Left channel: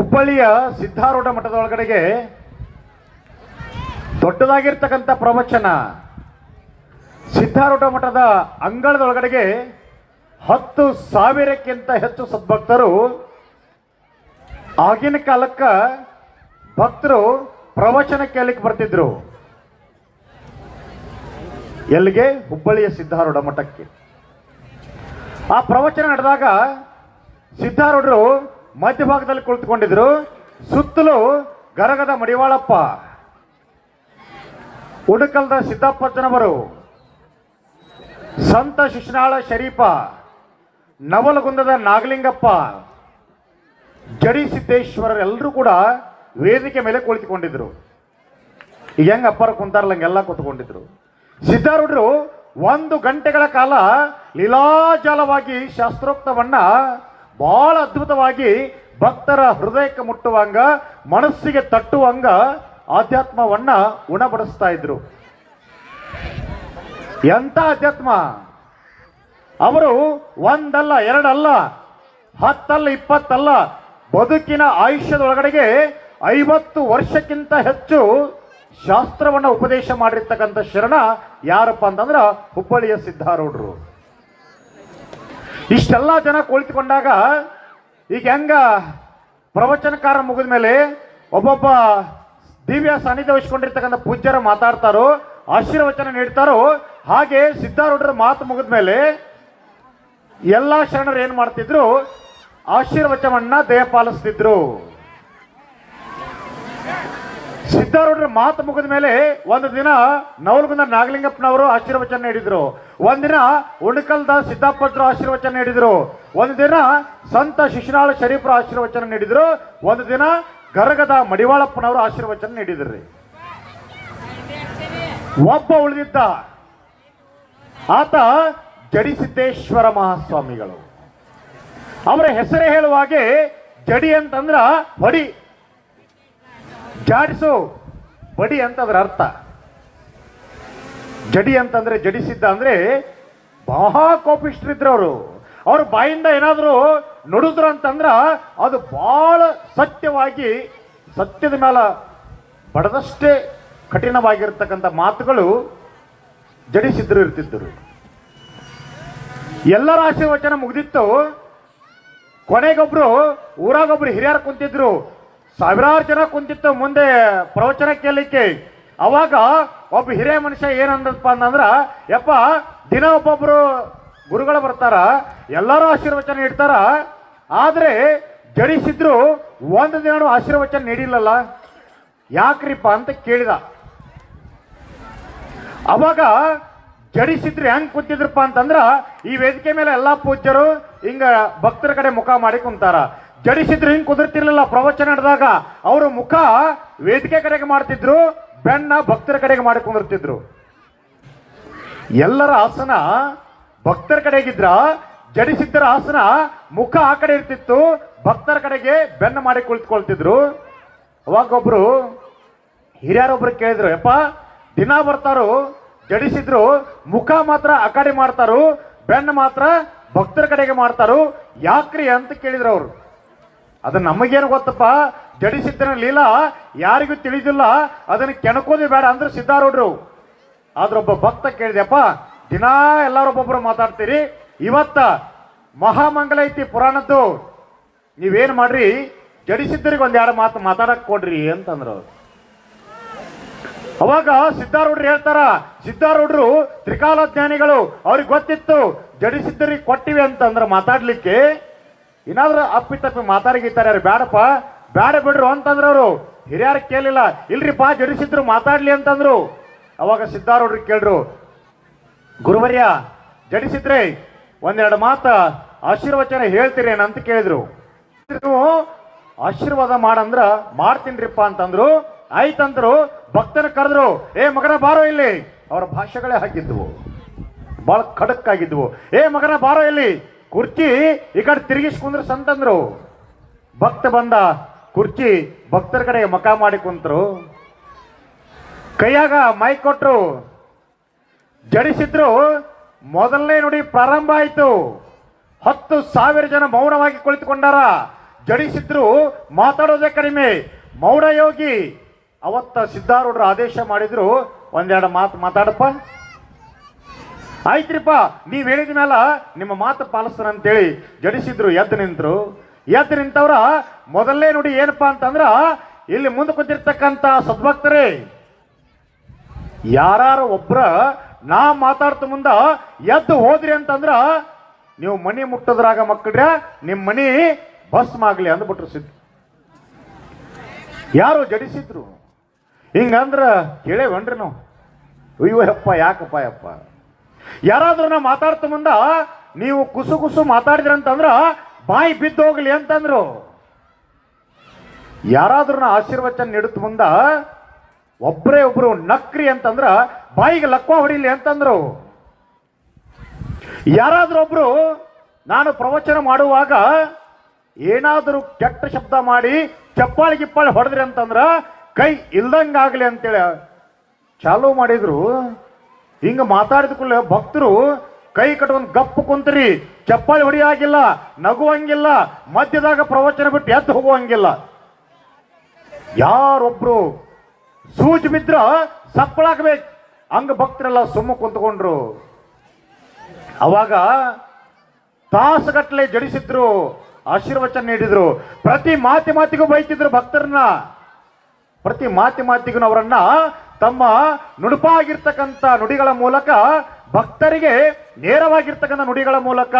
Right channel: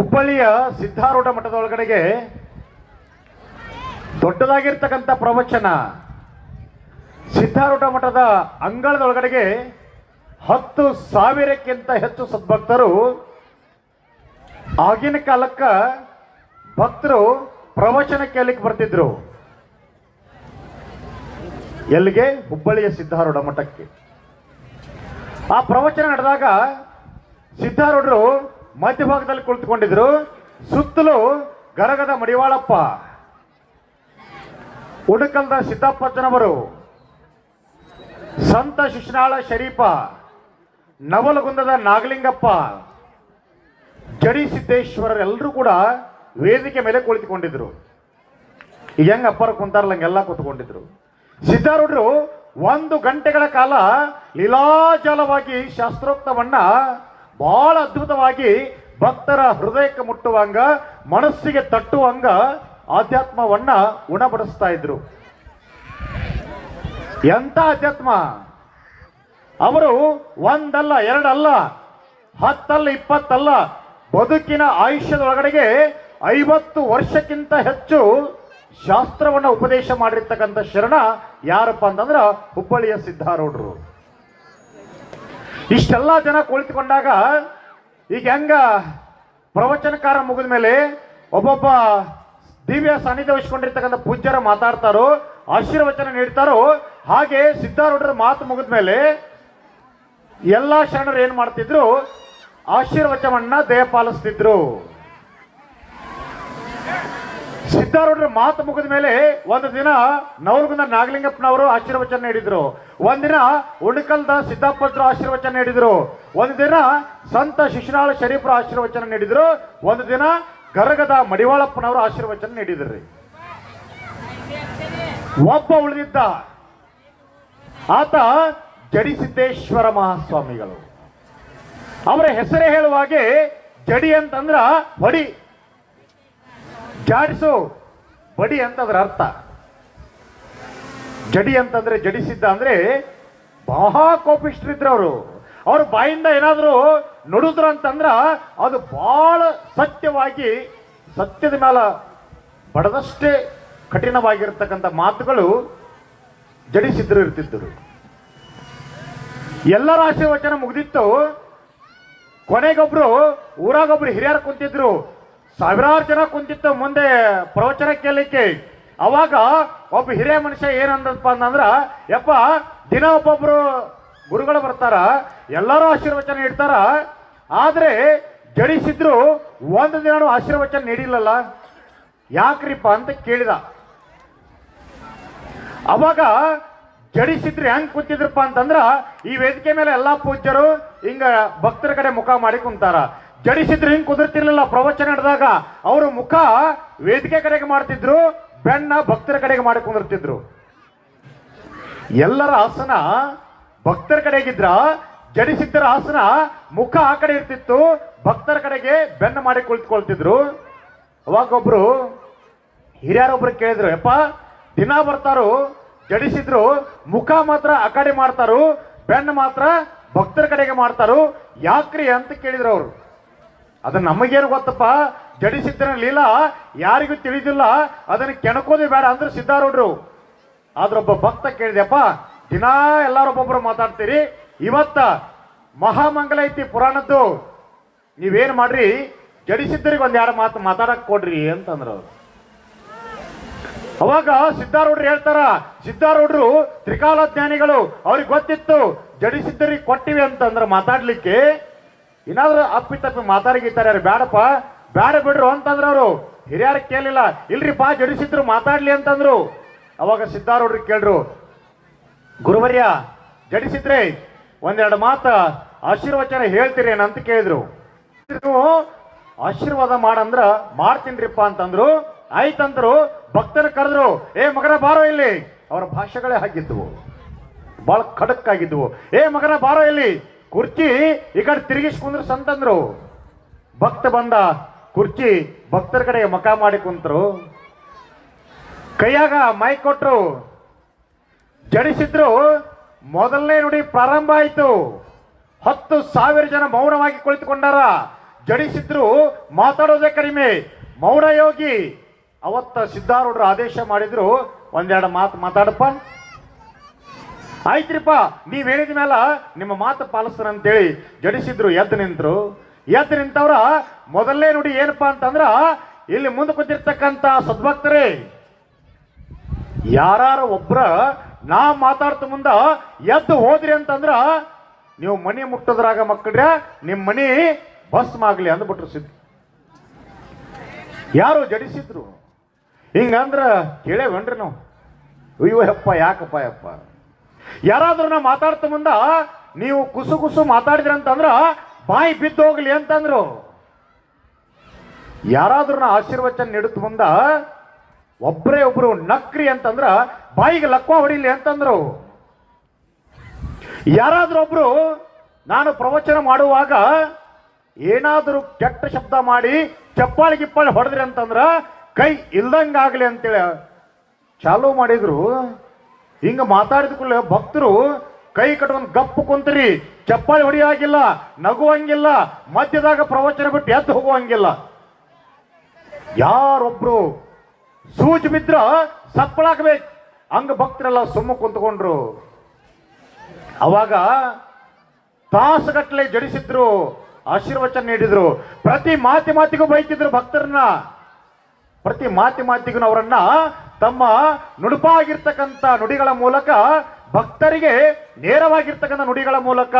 ಹುಬ್ಬಳ್ಳಿಯ ಸಿದ್ಧಾರೂಢ ಮಠದ ಒಳಗಡೆಗೆ ದೊಡ್ಡದಾಗಿರ್ತಕ್ಕಂಥ ಪ್ರವಚನ. ಸಿದ್ಧಾರೂಢ ಮಠದ ಅಂಗಳದೊಳಗಡೆಗೆ 10,000ಕ್ಕಿಂತ ಹೆಚ್ಚು ಸದ್ಭಕ್ತರು ಆಗಿನ ಕಾಲಕ್ಕ ಭಕ್ತರು ಪ್ರವಚನ ಕೇಳಲಿಕ್ಕೆ ಬರ್ತಿದ್ರು. ಎಲ್ಲಿಗೆ? ಹುಬ್ಬಳ್ಳಿಯ ಸಿದ್ಧಾರೂಢ ಮಠಕ್ಕೆ. ಆ ಪ್ರವಚನ ನಡೆದಾಗ ಸಿದ್ಧಾರೂಢರು ಮಧ್ಯಭಾಗದಲ್ಲಿ ಕುಳಿತುಕೊಂಡಿದ್ರು. ಸುತ್ತಲೂ ಗರಗದ ಮಡಿವಾಳಪ್ಪ, ಉಡಕಲ್ದ ಸಿದ್ದಪ್ಪಜ್ಜನವರು, ಸಂತ ಶಿಶುನಾಳ ಶರೀಫ, ನವಲಗುಂದದ ನಾಗಲಿಂಗಪ್ಪ, ಜಡಿ ಸಿದ್ದೇಶ್ವರರೆಲ್ಲರೂ ಕೂಡ ವೇದಿಕೆ ಮೇಲೆ ಕುಳಿತುಕೊಂಡಿದ್ರು. ಈಗ ಹೆಂಗ ಅಪ್ಪರು ಕುಂತಾರಲ್ಲ ಹಂಗೆಲ್ಲ ಕೂತ್ಕೊಂಡಿದ್ರು. ಸಿದ್ಧಾರೂಢರು 1 ಗಂಟೆಗಳ ಕಾಲ ಲೀಲಾಜಾಲವಾಗಿ ಶಾಸ್ತ್ರೋಕ್ತವನ್ನ ಬಹಳ ಅದ್ಭುತವಾಗಿ ಭಕ್ತರ ಹೃದಯಕ್ಕೆ ಮುಟ್ಟುವಂಗ, ಮನಸ್ಸಿಗೆ ತಟ್ಟುವಂಗ ಆಧ್ಯಾತ್ಮವನ್ನ ಉಣಬಡಿಸ್ತಾ ಇದ್ರು. ಎಂತ ಅಧ್ಯಾತ್ಮ! ಅವರು 1 ಅಲ್ಲ 2 ಅಲ್ಲ 10 ಅಲ್ಲ 20 ಅಲ್ಲ, ಬದುಕಿನ ಆಯುಷ್ಯದೊಳಗಡೆಗೆ 50 ವರ್ಷಕ್ಕಿಂತ ಹೆಚ್ಚು ಶಾಸ್ತ್ರವನ್ನ ಉಪದೇಶ ಮಾಡಿರ್ತಕ್ಕಂಥ ಶರಣ ಯಾರಪ್ಪ ಅಂತಂದ್ರ ಹುಬ್ಬಳ್ಳಿಯ ಸಿದ್ಧಾರೂಢರು. ಇಷ್ಟೆಲ್ಲ ಜನ ಕುಳಿತುಕೊಂಡಾಗ ಈಗ ಹೆಂಗ ಪ್ರವಚನಕಾರ ಮುಗಿದ ಮೇಲೆ ಒಬ್ಬೊಬ್ಬ ದಿವ್ಯ ಸಾನ್ನಿಧ್ಯ ವಹಿಸಿಕೊಂಡಿರ್ತಕ್ಕಂಥ ಪೂಜ್ಯರ ಮಾತಾಡ್ತಾರೋ, ಆಶೀರ್ವಚನ ನೀಡ್ತಾರೋ, ಹಾಗೆ ಸಿದ್ಧಾರೂಢರ ಮಾತು ಮುಗಿದ ಮೇಲೆ ಎಲ್ಲಾ ಶರಣರು ಏನ್ ಮಾಡ್ತಿದ್ರು? ಆಶೀರ್ವಚನವನ್ನ ದಯಪಾಲಿಸ್ತಿದ್ರು. ಸಿದ್ಧಾರೂಢರ ಮಾತು ಮುಗಿದ ಮೇಲೆ ಒಂದು ದಿನ ನವಲಗುಂದ ನಾಗಲಿಂಗಪ್ಪನವರು ಆಶೀರ್ವಚನ ನೀಡಿದ್ರು, ಒಂದಿನ ಉಣಕಲ್ದ ಸಿದ್ದಪ್ಪಜ್ಜರು ಆಶೀರ್ವಚನ ನೀಡಿದ್ರು, ಒಂದು ದಿನ ಸಂತ ಶಿಶುನಾಳ ಶರೀಫರ ಆಶೀರ್ವಚನ ನೀಡಿದ್ರು, ಒಂದು ದಿನ ಗರಗದ ಮಡಿವಾಳಪ್ಪನವರು ಆಶೀರ್ವಚನ ನೀಡಿದ್ರಿ. ಒಬ್ಬ ಉಳಿದಿದ್ದ, ಆತ ಜಡಿ ಸಿದ್ದೇಶ್ವರ ಮಹಾಸ್ವಾಮಿಗಳು. ಅವರ ಹೆಸರೇ ಹೇಳುವಾಗೆ ಜಡಿ ಅಂತಂದ್ರ ಹೊಡಿ, ಜಾಡಿಸು, ಬಡಿ ಅಂತಂದ್ರ ಅರ್ಥ. ಜಡಿ ಅಂತಂದ್ರೆ ಜಡಿಸಿದ್ದ ಅಂದ್ರೆ ಬಹಳ ಕೋಪಿಷ್ಟ್ರಿದ್ರು ಅವರು. ಅವ್ರ ಬಾಯಿಂದ ಏನಾದ್ರು ನುಡಿದ್ರು ಅಂತಂದ್ರ ಅದು ಬಹಳ ಸತ್ಯವಾಗಿ, ಸತ್ಯದ ಮೇಲೆ ಬಡದಷ್ಟೇ ಕಠಿಣವಾಗಿರ್ತಕ್ಕಂಥ ಮಾತುಗಳು ಜಡಿಸಿದ್ರು ಇರ್ತಿದ್ದರು. ಎಲ್ಲರ ಆಶೀರ್ವಚನ ಮುಗಿದಿತ್ತು. ಕೊನೆಗೊಬ್ರು ಊರಾಗೊಬ್ರು ಹಿರಿಯರು ಕುಂತಿದ್ರು, ಸಾವಿರಾರು ಜನ ಕುಂತಿತ್ತು ಮುಂದೆ ಪ್ರವಚನ ಕೇಳಲಿಕ್ಕೆ. ಅವಾಗ ಒಬ್ಬ ಹಿರಿಯ ಮನುಷ್ಯ ಏನಂದಪ್ಪ ಅಂತಂದ್ರ, ಯಪ್ಪ ದಿನ ಒಬ್ಬೊಬ್ರು ಗುರುಗಳು ಬರ್ತಾರ, ಎಲ್ಲರೂ ಆಶೀರ್ವಚನ ನೀಡ್ತಾರ, ಆದ್ರೆ ಜಡಿಸಿದ್ರು 1 ದಿನ ಆಶೀರ್ವಚನ ನೀಡಿಲ್ಲಲ್ಲ, ಯಾಕ್ರಿಪ್ಪ ಅಂತ ಕೇಳಿದ. ಅವಾಗ ಜಡಿಸಿದ್ರು ಹೆಂಗ್ ಕುಂತಿದ್ರಪ್ಪ ಅಂತಂದ್ರ, ಈ ವೇದಿಕೆ ಮೇಲೆ ಎಲ್ಲಾ ಪೂಜ್ಯರು ಹಿಂಗ ಭಕ್ತರ ಕಡೆ ಮುಖ ಮಾಡಿ ಕುಂತಾರ. ಜಡಿಸಿದ್ರು ಹಿಂಗ್ ಕುದುರ್ತಿರ್ಲಿಲ್ಲ. ಪ್ರವಚನ ನಡೆದಾಗ ಅವರು ಮುಖ ವೇದಿಕೆ ಕಡೆಗೆ ಮಾಡ್ತಿದ್ರು, ಬೆನ್ನ ಭಕ್ತರ ಕಡೆಗೆ ಮಾಡಿ ಕುಂದಿರ್ತಿದ್ರು. ಎಲ್ಲರ ಆಸನ ಭಕ್ತರ ಕಡೆಗಿದ್ರ, ಜಡಿಸಿದ್ದರ ಆಸನ ಮುಖ ಆ ಕಡೆ ಇರ್ತಿತ್ತು, ಭಕ್ತರ ಕಡೆಗೆ ಬೆನ್ನ ಮಾಡಿ ಕುಳಿತುಕೊಳ್ತಿದ್ರು. ಅವಾಗ ಒಬ್ರು ಹಿರಿಯರೊಬ್ರು ಕೇಳಿದ್ರು, ಯಪ್ಪ ದಿನ ಬರ್ತಾರು, ಜಡಿಸಿದ್ರು ಮುಖ ಮಾತ್ರ ಆ ಕಡೆ ಮಾಡ್ತಾರು, ಬೆನ್ನ ಮಾತ್ರ ಭಕ್ತರ ಕಡೆಗೆ ಮಾಡ್ತಾರು, ಯಾಕ್ರಿ ಅಂತ ಕೇಳಿದ್ರು ಅವರು. ಅದನ್ನ ನಮಗೇನು ಗೊತ್ತಪ್ಪ, ಜಡಿಸಿದ್ದರ ಲೀಲಾ ಯಾರಿಗೂ ತಿಳಿದಿಲ್ಲ, ಅದನ್ನ ಕೆಣಕೋದೇ ಬೇಡ ಅಂದ್ರೆ ಸಿದ್ಧಾರೂಢರು. ಆದ್ರೊಬ್ಬ ಭಕ್ತ ಕೇಳಿದೆಪ್ಪ, ದಿನಾ ಎಲ್ಲರೊಬ್ಬೊಬ್ರು ಮಾತಾಡ್ತೀರಿ, ಇವತ್ತ ಮಹಾಮಂಗಲ ಐತಿ ಪುರಾಣದ್ದು, ನೀವೇನ್ ಮಾಡ್ರಿ ಜಡಿಸಿದ್ದರಿಗೆ 1-2 ಮಾತು ಮಾತಾಡಕ್ ಕೊಡ್ರಿ ಅಂತಂದ್ರು. ಅವಾಗ ಸಿದ್ಧಾರೂಢರು ಹೇಳ್ತಾರ, ಸಿದ್ಧಾರೂಢರು ತ್ರಿಕಾಲಜ್ಞಾನಿಗಳು, ಅವ್ರಿಗೆ ಗೊತ್ತಿತ್ತು ಜಡಿಸಿದ್ದರಿಗೆ ಕೊಟ್ಟಿವಿ ಅಂತಂದ್ರ ಮಾತಾಡ್ಲಿಕ್ಕೆ. ಏನಾದ್ರೂ ಅಪ್ಪಿತಪ್ಪಿ ಮಾತಾಡಿಗಿದ್ದಾರೆ, ಬೇಡಪ್ಪ ಬೇಡ ಬಿಡ್ರು ಅಂತಂದ್ರ ಅವರು. ಹಿರಿಯರು ಕೇಳಿಲ್ಲ, ಇಲ್ರಿಪ್ಪ ಜಡಿಸಿದ್ರು ಮಾತಾಡ್ಲಿ ಅಂತಂದ್ರು. ಅವಾಗ ಸಿದ್ಧಾರೂಢರು ಕೇಳ್ರು, ಗುರುವರ್ಯ ಜಡಿಸಿದ್ರೆ 1-2 ಮಾತ ಆಶೀರ್ವಚನ ಹೇಳ್ತೀರಿ ಅಂತ ಕೇಳಿದ್ರು. ಆಶೀರ್ವಾದ ಮಾಡಂದ್ರ ಮಾಡ್ತೀನ್ರಿಪ್ಪ ಅಂತಂದ್ರು. ಆಯ್ತಂದ್ರು. ಭಕ್ತನ ಕರೆದ್ರು, ಏ ಮಗನ ಬಾರೋ ಇಲ್ಲಿ. ಅವರ ಭಾಷೆಗಳೇ ಹಾಕಿದ್ವು, ಬಹಳ ಖಡಕ್ ಆಗಿದ್ವು. ಏ ಮಗನ ಬಾರೋ ಇಲ್ಲಿ, ಕುರ್ಚಿ ಈ ಕಡೆ ತಿರುಗಿಸ್ಕೊಂಡ್ರು ಸಂತಂದ್ರು. ಭಕ್ತ ಬಂದ, ಕುರ್ಚಿ ಭಕ್ತರ ಕಡೆಗೆ ಮಕ ಮಾಡಿ ಕುಂತರು. ಕೈಯಾಗ ಮೈಕ್ ಕೊಟ್ರು, ಜಡಿಸಿದ್ರು. ಮೊದಲನೇ ನುಡಿ ಪ್ರಾರಂಭ ಆಯಿತು. 10,000 ಜನ ಮೌನವಾಗಿ ಕುಳಿತುಕೊಂಡಾರ. ಜಡಿಸಿದ್ರು ಮಾತಾಡೋದೇ ಕಡಿಮೆ. ಮೌಢ ಯೋಗಿ ಅವತ್ತ ಸಿದ್ಧಾರೂಢರು ಆದೇಶ ಮಾಡಿದ್ರು, ಒಂದೆರಡು ಮಾತು ಮಾತಾಡಪ್ಪ. ಆಯ್ತ್ರಿಪ್ಪ, ನೀವ್ ಹೇಳಿದ ಮೇಲೆ ನಿಮ್ಮ ಮಾತು ಪಾಲಿಸ್ತಾನಂತೇಳಿ ಜಡಿಸಿದ್ರು ಎದ್ದು ನಿಂತರು. ಎದ್ದು ನಿಂತವ್ರ ಮೊದಲನೇ ನುಡಿ ಏನಪ್ಪಾ ಅಂತಂದ್ರ, ಇಲ್ಲಿ ಮುಂದೆ ಕೂತಿರ್ತಕ್ಕಂಥ ಸದ್ಭಕ್ತರೇ, ಯಾರು ಒಬ್ರ ನಾ ಮಾತಾಡ್ತ ಮುಂದ ಎದ್ದು ಹೋದ್ರಿ ಅಂತಂದ್ರ ನೀವು ಮನಿ ಮುಟ್ಟದ್ರಾಗ ಮಕ್ಕಳ್ರೆ ನಿಮ್ಮ ಮನಿ ಭಸ್ಮ ಆಗ್ಲಿ ಅಂದ್ಬಿಟ್ರು ಸಿದ್ಧ. ಯಾರು ಜಡಿಸಿದ್ರು ಹಿಂಗಂದ್ರ ಕೇಳೇವನ್ರಿ ನಾವು. ಅಯ್ಯೋ ಯಪ್ಪ, ಯಾಕಪ್ಪ ಯಪ್ಪ, ಯಾರಾದ್ರೂ ನಾ ಮಾತಾಡ್ತ ಮುಂದ ನೀವು ಕುಸು ಕುಸು ಮಾತಾಡಿದ್ರಿ ಅಂತಂದ್ರ ಬಾಯಿ ಬಿದ್ದು ಹೋಗ್ಲಿ ಅಂತಂದ್ರು. ಯಾರಾದ್ರೂ ನಾ ಆಶೀರ್ವಚನ ನೀಡುತ್ತ ಮುಂದ ಒಬ್ರೇ ಒಬ್ರು ನಕ್ರಿ ಅಂತಂದ್ರ ಬಾಯಿಗೆ ಲಕ್ವ ಹೊಡಿಲಿ ಅಂತಂದ್ರು. ಯಾರಾದ್ರೂ ಒಬ್ರು ನಾನು ಪ್ರವಚನ ಮಾಡುವಾಗ ಏನಾದರೂ ಕೆಟ್ಟ ಶಬ್ದ ಮಾಡಿ ಚಪ್ಪಾಳಿ ಗಿಪ್ಪಾಳಿ ಹೊಡೆದ್ರಿ ಅಂತಂದ್ರ ಕೈ ಇಲ್ದಂಗಾಗ್ಲಿ ಅಂತೇಳಿ ಚಾಲೂ ಮಾಡಿದ್ರು. ಹಿಂಗ ಮಾತಾಡಿದ ಕೂಡಲೇ ಭಕ್ತರು ಕೈ ಕಟ್ಕೊಂಡ್ ಗಪ್ಪು ಕುಂತ್ರಿ, ಚಪ್ಪಾಳಿ ಹೊಡಿಯಾಗಿಲ್ಲ, ನಗುವಂಗಿಲ್ಲ, ಮಧ್ಯದಾಗ ಪ್ರವಚನ ಬಿಟ್ಟು ಎದ್ದು ಹೋಗುವಂಗಿಲ್ಲ. ಯಾರೊಬ್ರು ಸೂಜಿ ಬಿದ್ರ ಸಪ್ಪಳಾಗ್ಬೇಕು ಹಂಗ ಭಕ್ತರೆಲ್ಲ ಸುಮ್ಮ ಕುಂತ್ಕೊಂಡ್ರು. ಅವಾಗ ತಾಸುಗಟ್ಟಲೆ ಜಡಿಸಿದ್ರು, ಆಶೀರ್ವಚನ ನೀಡಿದ್ರು. ಪ್ರತಿ ಮಾತಿಗೂ ಬೈತಿದ್ರು ಭಕ್ತರನ್ನ. ಪ್ರತಿ ಮಾತಿಗೂ ಅವರನ್ನ ತಮ್ಮ ನುಡುಪಾಗಿರ್ತಕ್ಕಂಥ ನುಡಿಗಳ ಮೂಲಕ, ಭಕ್ತರಿಗೆ ನೇರವಾಗಿರ್ತಕ್ಕಂಥ ನುಡಿಗಳ ಮೂಲಕ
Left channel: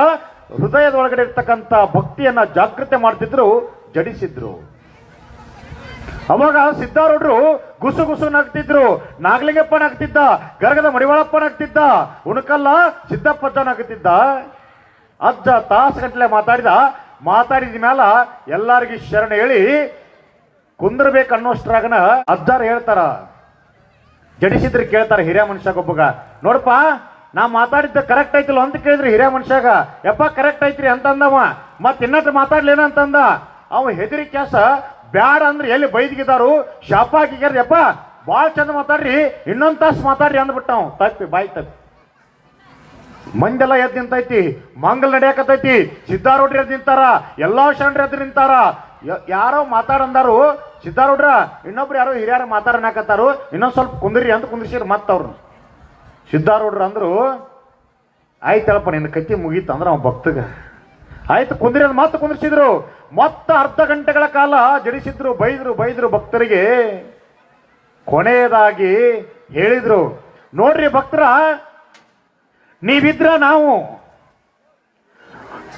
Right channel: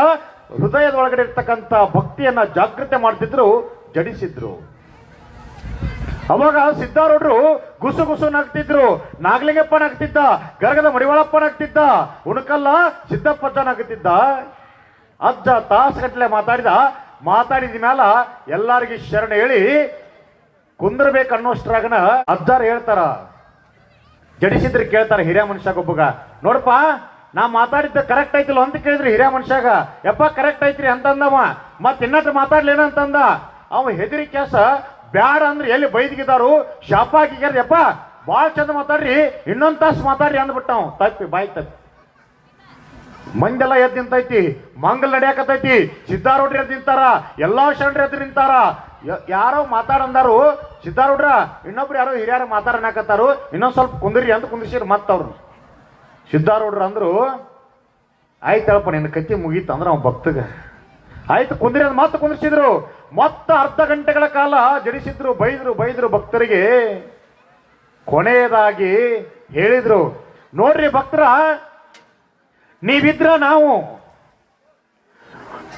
ಹೃದಯದೊಳಗಡೆ ಇರ್ತಕ್ಕಂಥ ಭಕ್ತಿಯನ್ನ ಜಾಗೃತಿ ಮಾಡ್ತಿದ್ರು, ಜಡಿಸಿದ್ರು. ಅವಾಗ ಸಿದ್ಧಾರೂಢರು ಗುಸು ಗುಸು ನಗ್ತಿದ್ರು. ನಾಗಲಿಂಗಪ್ಪ ನಗ್ತಿದ್ದ, ಗರಗದ ಮಡಿವಾಳಪ್ಪ ನಗ್ತಿದ್ದ, ಉಣಕಲ್ಲ ಸಿದ್ದಪ್ಪಜ್ಜ ನಗ್ತಿದ್ದ. ಅಜ್ಜ ತಾಸುಗಟ್ಟಲೆ ಮಾತಾಡಿದ ಮ್ಯಾಲ ಎಲ್ಲಾರಿಗೆ ಶರಣ ಹೇಳಿ ಕುಂದ್ರಬೇಕು ಅನ್ನೋಷ್ಟ್ರಾಗನ ಅಜ್ಜಾರು ಹೇಳ್ತಾರ, ಜಡಿಸಿದ್ರೆ ಕೇಳ್ತಾರ ಹಿರಿಯ ಮನುಷ್ಯಾಗೊಬ್ಬಗ, ನೋಡಪ್ಪ ನಾ ಮಾತಾಡಿದ್ದ ಕರೆಕ್ಟ್ ಐತಿಲ್ಲ ಅಂತ ಕೇಳಿದ್ರಿ ಹಿರಿಯ ಮನುಷ್ಯಾಗ. ಯಪ್ಪ ಕರೆಕ್ಟ್ ಐತ್ರಿ ಅಂತಂದವ. ಮತ್ ಇನ್ನಟ್ಟು ಮಾತಾಡ್ಲೇನ ಅಂತಂದ ಅವ. ಹೆದರಿ ಕ್ಯಾಸ ಬ್ಯಾಡ ಅಂದ್ರೆ ಎಲ್ಲಿ ಬೈದ್ಗಿದಾರು, ಶಾಪ ಹಾಕಿಗ್ಯಾರ, ಯಪ್ಪ ಭಾಳ ಚಂದ ಮಾತಾಡ್ರಿ, ಇನ್ನೊಂದ್ ತಾಸು ಮಾತಾಡ್ರಿ ಅಂದ್ಬಿಟ್ಟವ್. ತಪ್ಪಿ ಬಾಯಿ ತಪ್ಪಿ ಮಂದೆಲ್ಲ ಎದ್ದು ನಿಂತೈತಿ, ಮಂಗಲ್ ನಡೆಯಕತೈತಿ. ಸಿದ್ಧಾರೂಢ್ರ ಎದ್ದು ನಿಂತಾರ, ಎಲ್ಲಾ ಶರಣರು ಎದ್ದು ನಿಂತಾರ. ಯಾರೋ ಮಾತಾಡಂದಾರು, ಸಿದ್ಧಾರೂಢ್ರ ಇನ್ನೊಬ್ರು ಯಾರೋ ಹಿರಿಯರು ಮಾತಾಡನಾಕತ್ತಾರು, ಇನ್ನೊಂದ್ ಸ್ವಲ್ಪ ಕುಂದ್ರಿ ಅಂತ ಕುಂದ್ರಿಸಿರ್ ಮತ್ತವ್ರು. ಸಿದ್ಧಾರೂಢ್ರ ಅಂದ್ರು, ಆಯ್ತಳಪ್ಪ ನಿನ್ನ ಕತ್ತಿ ಮುಗೀತು ಅಂದ್ರ ಅವ ಭಕ್ತಗ. ಆಯ್ತು ಕುಂದ್ರಿ ಅಂತ ಮತ್ತೆ ಕುಂದ್ರಿಸಿದ್ರು. ಮತ್ತ ಅರ್ಧ ಗಂಟೆಗಳ ಕಾಲ ಜಡಿಸಿದ್ರು, ಬೈದ್ರು ಭಕ್ತರಿಗೆ. ಕೊನೆಯದಾಗಿ ಹೇಳಿದ್ರು, ನೋಡ್ರಿ ಭಕ್ತರ, ನೀವಿದ್ರ ನಾವು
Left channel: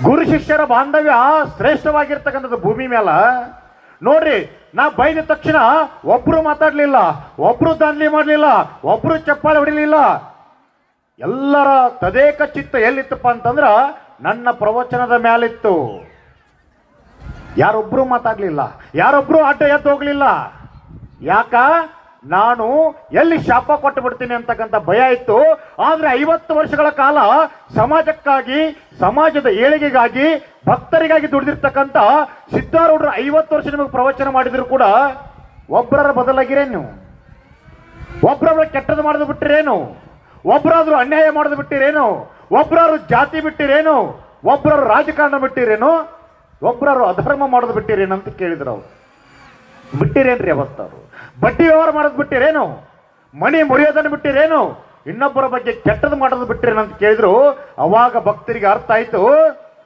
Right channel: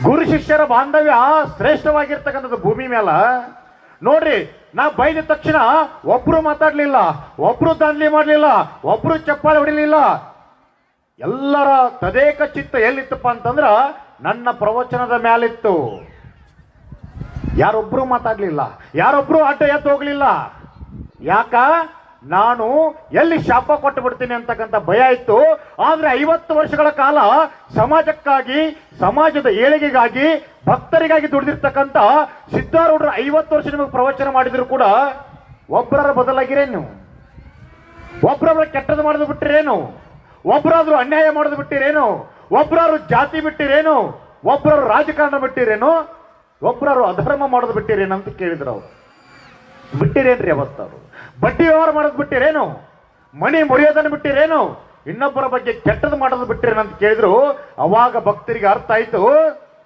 ಗುರು ಶಿಷ್ಯರ ಬಾಂಧವ್ಯ ಶ್ರೇಷ್ಠವಾಗಿರ್ತಕ್ಕಂಥದ್ದು ಭೂಮಿ ಮೇಲ. ನೋಡ್ರಿ, ನಾ ಬೈದ ತಕ್ಷಣ ಒಬ್ರು ಮಾತಾಡ್ಲಿಲ್ಲ, ಒಬ್ರು ದಾನ್ಲಿ ಮಾಡ್ಲಿಲ್ಲ, ಒಬ್ರು ಚಪ್ಪಾಳೆ ಹೊಡಿಲಿಲ್ಲ. ಎಲ್ಲರ ತದೇಕ ಚಿತ್ತ ಎಲ್ಲಿತ್ತಪ್ಪ ಅಂತಂದ್ರ ನನ್ನ ಪ್ರವಚನದ ಮ್ಯಾಲಿತ್ತು. ಯಾರೊಬ್ರು ಮಾತಾಡ್ಲಿಲ್ಲ, ಯಾರೊಬ್ರು ಅಡ್ಡ ಎದ್ದು ಹೋಗ್ಲಿಲ್ಲ. ಯಾಕ? ನಾನು ಎಲ್ಲಿ ಶಾಪ ಕೊಟ್ಟು ಬಿಡ್ತೀನಿ ಅಂತಕ್ಕಂಥ ಭಯ ಇತ್ತು. ಆದ್ರೆ 50 ವರ್ಷಗಳ ಕಾಲ ಸಮಾಜಕ್ಕಾಗಿ, ಸಮಾಜದ ಏಳಿಗೆಗಾಗಿ, ಭಕ್ತರಿಗಾಗಿ ದುಡಿದಿರ್ತಕ್ಕಂಥ ಸಿದ್ಧಾರೂಢರು 50 ವರ್ಷ ನಿಮಗೆ ಪ್ರವಚನ ಮಾಡಿದ್ರು ಕೂಡ ಒಬ್ಬರ ಬದಲಾಗಿರೇನು? ಒಬ್ಬರ ಕೆಟ್ಟದ್ದು ಮಾಡೋದು ಬಿಟ್ಟಿರೇನು? ಒಬ್ಬರಾದ್ರೂ ಅನ್ಯಾಯ ಮಾಡೋದು ಬಿಟ್ಟಿರೇನು? ಒಬ್ಬರಾದ್ರು ಜಾತಿ ಬಿಟ್ಟಿರೇನು? ಒಬ್ಬರಾದ್ರು ರಾಜಕಾರಣ ಬಿಟ್ಟಿರೇನು? ಒಬ್ಬರಾದ್ರು ಅಧರ್ಮ ಮಾಡೋದು ಬಿಟ್ಟಿರೇನು ಅಂತ ಕೇಳಿದ್ರು. ಅವ್ರು ಬಿಟ್ಟಿರೇನ್ರಿ? ಅವತ್ತವ್ರು ಬಡ್ಡಿ ವ್ಯವಹಾರ ಮಾಡೋದು ಬಿಟ್ಟಿರೇನು? ಮಣಿ ಮುರಿಯೋದನ್ನು ಬಿಟ್ಟಿರೇನು? ಇನ್ನೊಬ್ಬರ ಬಗ್ಗೆ ಕೆಟ್ಟದ್ದು ಮಾಡೋದು ಬಿಟ್ಟಿರೇನು ಅಂತ ಕೇಳಿದ್ರು. ಅವಾಗ ಭಕ್ತರಿಗೆ ಅರ್ಥ ಆಯ್ತು,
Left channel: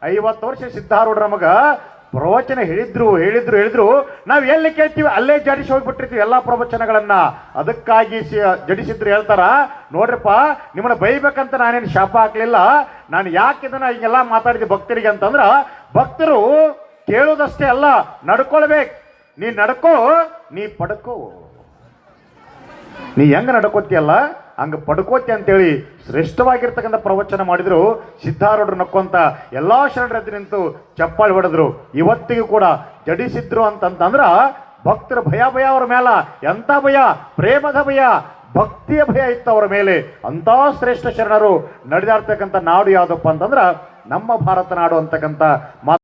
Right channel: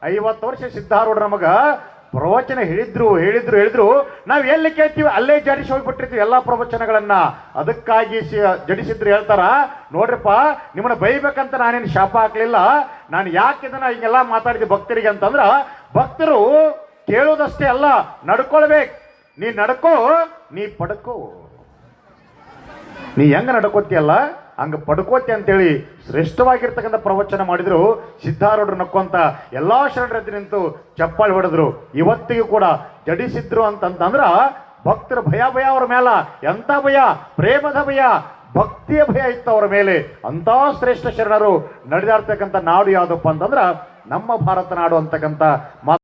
50 ವರ್ಷ ಸಿದ್ಧಾರೂಢ ನಮಗ ಪ್ರವಚನ ಹೇಳಿದ್ರು ನಾವು ಎಲ್ಲಿ ಕೇಳ್ತೀವಿ ಅಲ್ಲೇ ಜಡಿಸಿ ಹೋಗ್ಬಿಟ್ಟಿರ್ತೀವಿ ಎಲ್ಲಾ ಪ್ರವಚನಗಳನ್ನ. ಅದಕ್ಕಾಗಿ ಜಡಿಸಿದ್ರು ಹೇಳ್ತಾರ, ನೋಡ್ರಪ್ಪ ನಿಮ್ಮನ್ನ ಬೈಬೇಕಂತ ನಾನೇನು ಶಾಪ ಹಾಕ್ಲಿಲ್ಲ. ನಾನು ಯಾಕೆ ಇದನ್ನ ಹಿಂಗೆಲ್ಲ ಮಾತಾಡಿದೆ ಭಕ್ತರಿಗೆ ಅಂತಂದ್ರ, ಭಕ್ತರು ಕೇಳುವುದಷ್ಟೇ ಅಲ್ಲ, ನಡ್ಕೊಳ್ಬೇಕು. ನೀ ನಡ್ಕೋ, ನೀ ಪಡ್ಕೋ. ನೀ ಹೆಂಗ ನಡ್ಕೋತಿಯಲ್ಲ ಹಂಗ ಪಡ್ಕೋತಿ ಅಂತೇಳಿ ಶ್ರೇಷ್ಠವಾಗಿರ್ತಕ್ಕಂಥ ಪ್ರವಚನ ಮಾಡಿದ್ರು. ಸಿದ್ಧಾರೂಢರು ನಕ್ಕೊಂತ ಎಲ್ಲಾ ಶರಣರ ನಿಂತು ಚಪ್ಪಾಳಿ ಹೊಡೆದ್ರು. ಇವತ್ತಿಗೂ ಕೂಡ ಜಡಿಸಿದ್ರು ಅಂತಂದ್ರ ಭಕ್ತರ ಭಯ ಅವ್ರ ಮೇಲ. ಎಂತ ಭಯ? ಪ್ರೇಮದ ಭಯ, ಭಕ್ತಿಯ ಭಯ ಇತ್ತು ಅವರ ಮೇಲೆ. ಅಂತ ಶ್ರೇಷ್ಠ ಶರಣರು ನಡೆದಾಡ್ತಕ್ಕಂಥ ನಾಡು ಯಾವ್ದಪ್ಪ ಅಂತಂದ್ರ ನಮ್ಮ ಭಾರತ ನಾಡು ಅಂತಕ್ಕಂಥ